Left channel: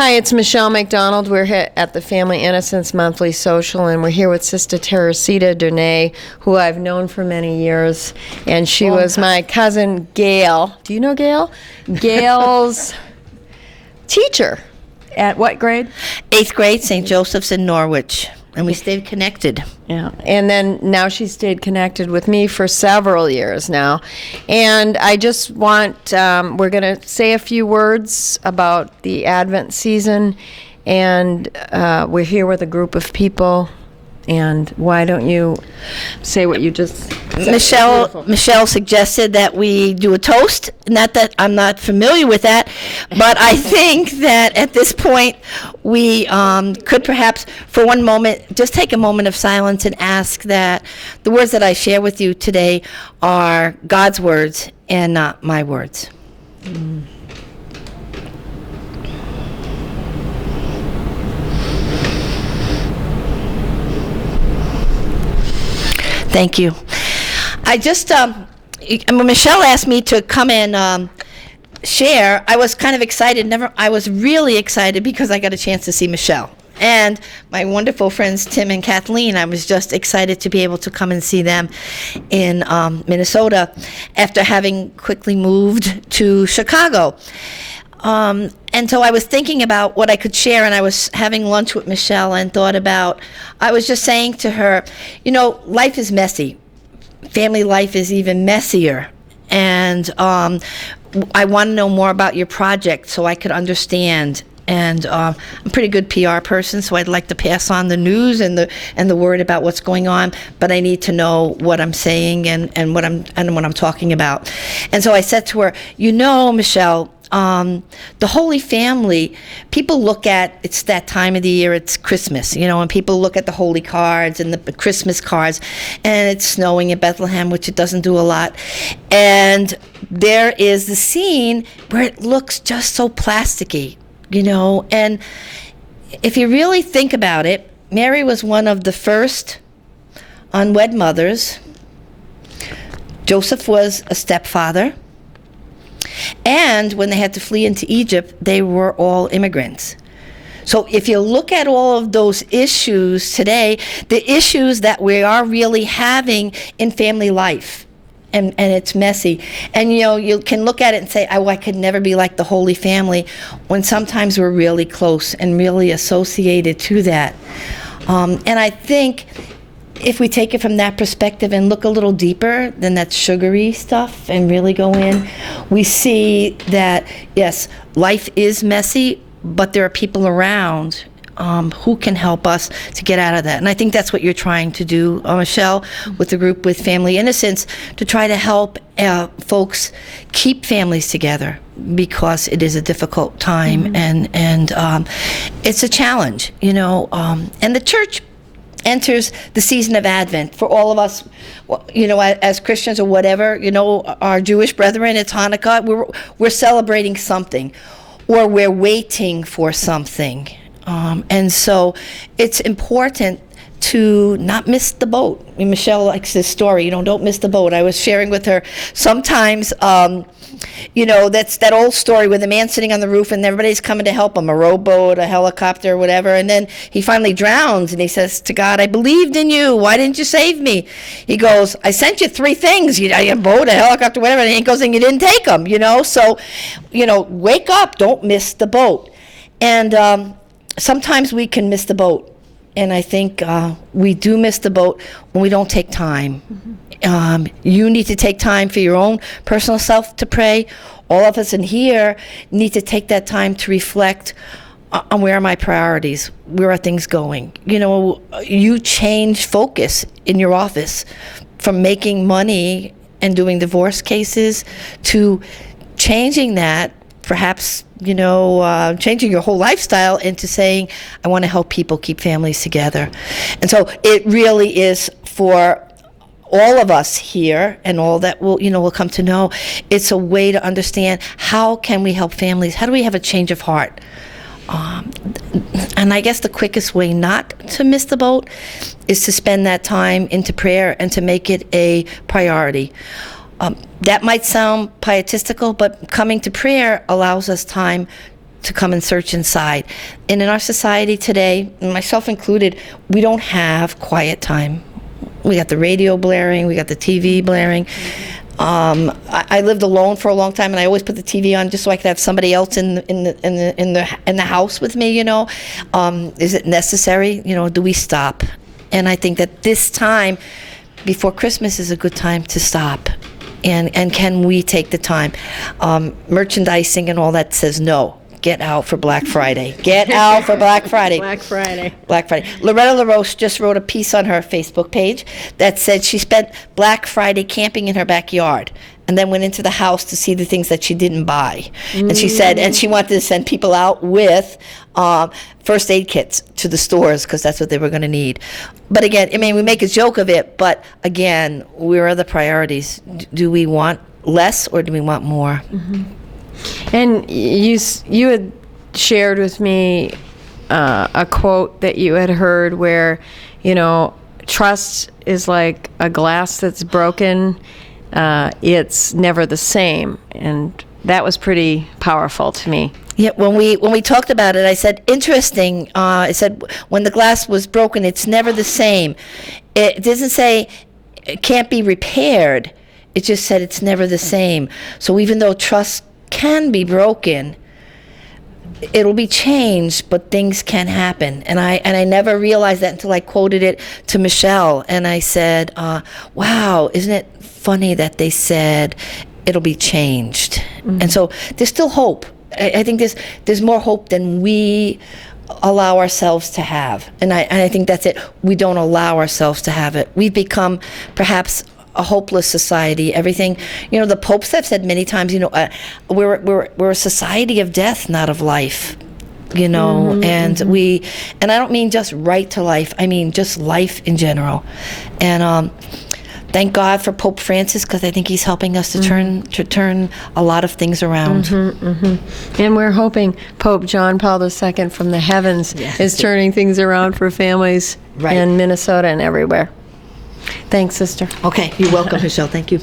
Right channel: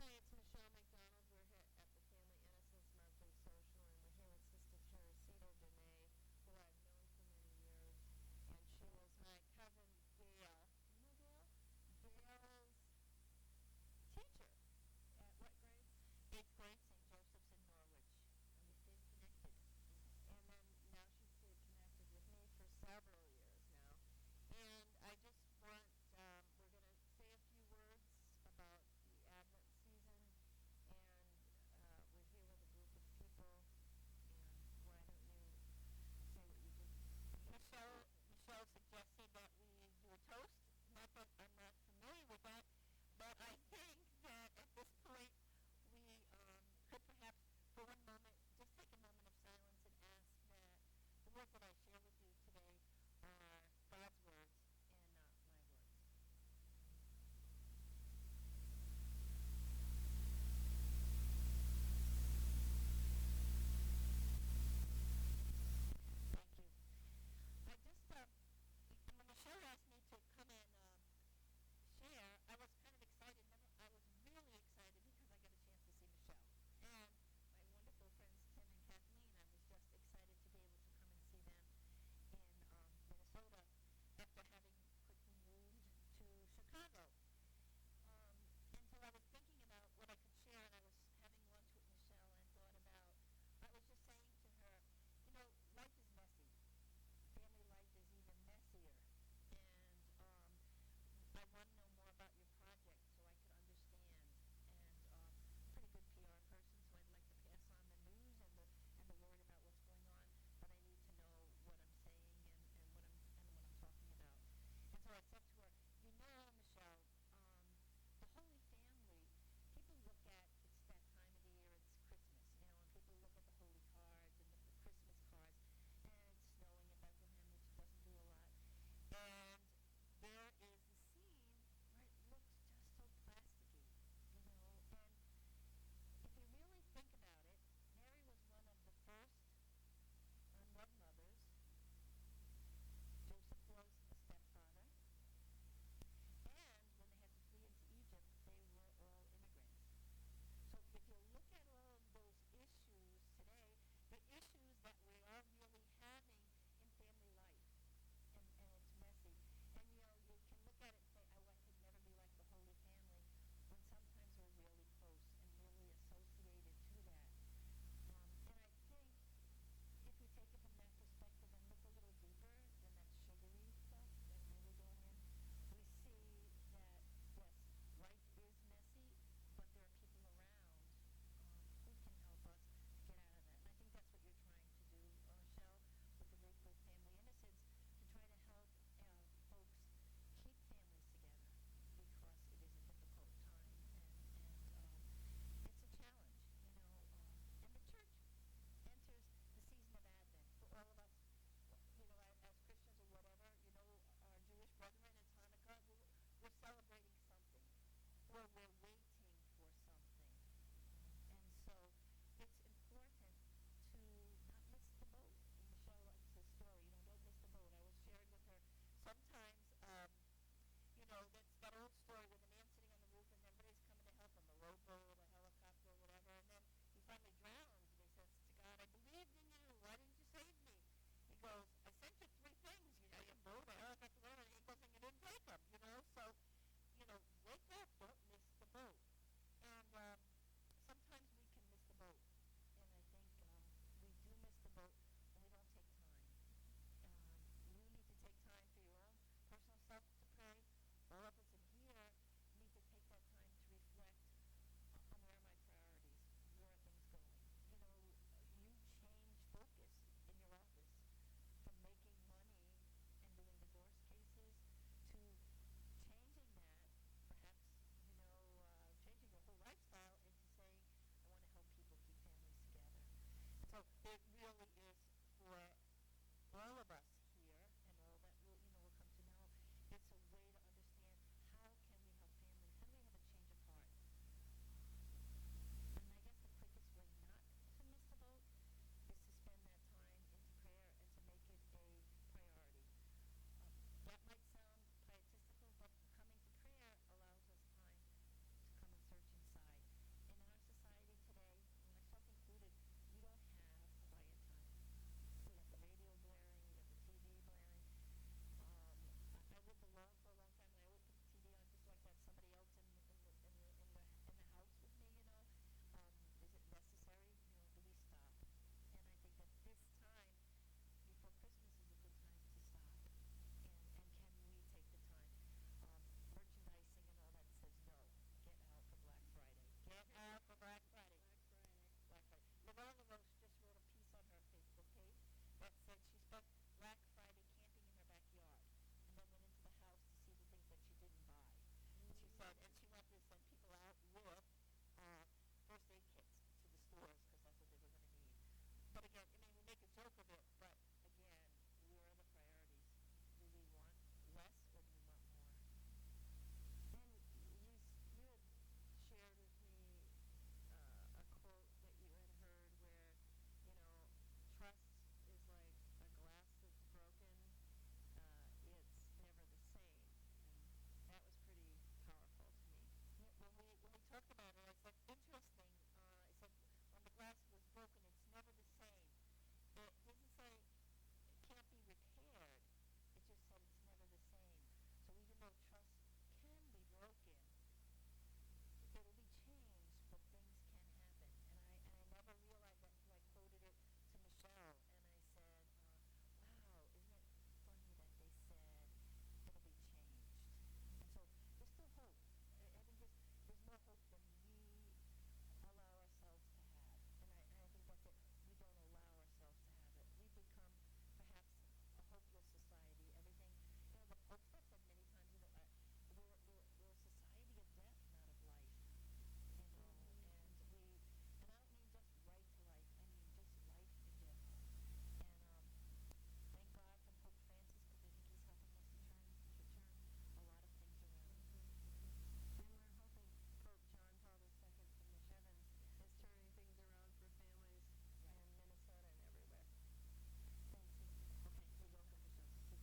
Hi, it's Michelle McDonald. We're here at the Family Innocence Monthly Social, and we're here with Sister Theresita Donach, who I've known for many years, and she was my cousin Gail. Do you know Gail? Gail's teacher. At what grade? 8th grade, St. Joseph's in Norwich, and we stayed connected. Yeah, and then now she stayed connected with me for several years now. And I just want, we're going to say a few words about the Advent season, and we're here with a group of people. And why don't you say what you just said? Michelle suggested that we do a toast. Not that I'm not familiar with that, but I think that at this point we could perhaps for one moment just take a moment of silence and ask that the words that I share with you today are God's words and not my words. Thank you. I just, when Michelle asked me to come and share, I was kind of excited. I was really excited because I got a chance to see Michelle. And my wonderful friends Tim and Kathleen, I was just excited to be able to come and see them in Minnesota after having quickly moved to Chicago. And so I was thinking about what I could share, and I was having lunch with Michelle and thought about, I was just saying to her, you know, life is messy. Family life is even messier. And I want to know more about your project so I could understand. And I'm a pretty good PR person, so I'd like to pass on the news and the word about what's going on, but I need to know what I'm saying and what I'm talking about. And so I said to her, you know, Michelle, the Holy Family, people look at, it's that time of the year, it's Christmas, you know, and people look at the holy cards and the Christmas cards, and it's snowing in Bethlehem, which it doesn't do a lot. And there is the scene where it looks just so plasticky, you know, and if you really think about it, Mary was one of the first unwed mothers. Joseph was a stepfather. And when they had to flee into Egypt, they were all immigrants. So if you look at all of those issues today, the issues that we are really having in family life, and it's messy. And you know, you can look at it and say, oh, I could never be like the Holy Family, when sometimes we're really close and really associated to that. And I think if we take it from that perspective and look a little deeper than that sugary stuff and really go in, we see that, yes, life is messy, but there are people around who can help us to get out of that. And I think that's what you're trying to do, Michelle, with the group with Family Innocence, to try to help folks keep families together, because it is a difficult time, and it's a challenge, you know, and the church enters the season of Advent for all of us, you know, as Christians or whatever, you know, our Jewish brethren, it's Hanukkah, we're celebrating something, or we're waiting for something. And so it's important to not miss the boat. I mean, Michelle likes this story, you know, don't miss the boat. I was sharing with her sometimes, you know, that's that old story with the man sitting on the roof and everybody's coming to help him, a rowboat, a helicopter, whatever, and then he finally drowns and he says to God, I believed in you, why didn't you save me? He goes, I sent you 3 things, a boat, a helicopter, whatever, and he goes, and you didn't take them, you know? So, you know, wake up, don't miss the boat. And sometimes we can miss the boat. And I think we do miss the boat when we don't take time. You need to take time for your own personal self to pray. All of us in here need to take that time to reflect on where are my priorities, where are things going. You know, you change focus in your office from making money and doing divorce cases to changing that, perhaps, you know, changing your whole lifestyle into saying, I want to help people keep families together. And so it really is for all of us here and all that we'll come to know, it's a way to understand how can we help families? How do we have a change of heart? And I guess the quickest way not to miss the boat is to spend that time into prayer and to make it a priority. That might sound pietistical, but coming to prayer allows us time to come and search inside. And in our society today, myself included, we don't have quiet time. We got the radio blaring, we got the TV blaring. I lived alone for a long time, and I always put the TV on just so I could have somebody else in the house with me. You know, is it necessary? You know, do we stop? And I think that this time before Christmas is a good time to stop. And can we take the time? Merchandising and all that says no. Get out for Black Friday. Get out for Black Friday. Black Friday. Black Friday. Loretta LaRoche just wrote a piece on her Facebook page that said she spent Black Friday camping in her backyard and then went into the house to see the things that she didn't buy. And she said, and she wanted to send people out with first aid kits to the stores because that's what they were going to need. But again, I mean, we make a joke of it, but again, where are the priorities? Do we want less or do we want more? Mm-hmm. And you had shared with me a quote that you had heard where, you know, trust is like a glass that's broken. It's never the same. And that was pretty powerful to me. Yeah, when we talked about it, I said, interesting. I said, when the glass was broken, it's never the same. It doesn't say it can't be repaired. It just said it's never the same. So even though trust can be broken, it'll be changed, but things can happen. And I never realized that until I quoted it to Michelle, and I said, wow, isn't it funny that they said it'll be changed? Mm-hmm. And so there's still hope. I think there's more hope than we allow ourselves to have. And I think that's it. We don't allow ourselves to have it. We've become perhaps a hopeless society. Everything, you know, the popes have said many times, you know, we're a society of death, not of life, you know. Mm-hmm, and mm-hmm. And I don't mean just right to life, I mean just life in general. And thank God for Pope Francis, because I think he's helping us to turn a lot of things around. Mm-hmm, mm-hmm. And we're hoping Pope John Paul II from the heavens is turning things around for families in Minnesota and everywhere. Thanks, sister. Okay, you're welcome, Michelle. Thank you.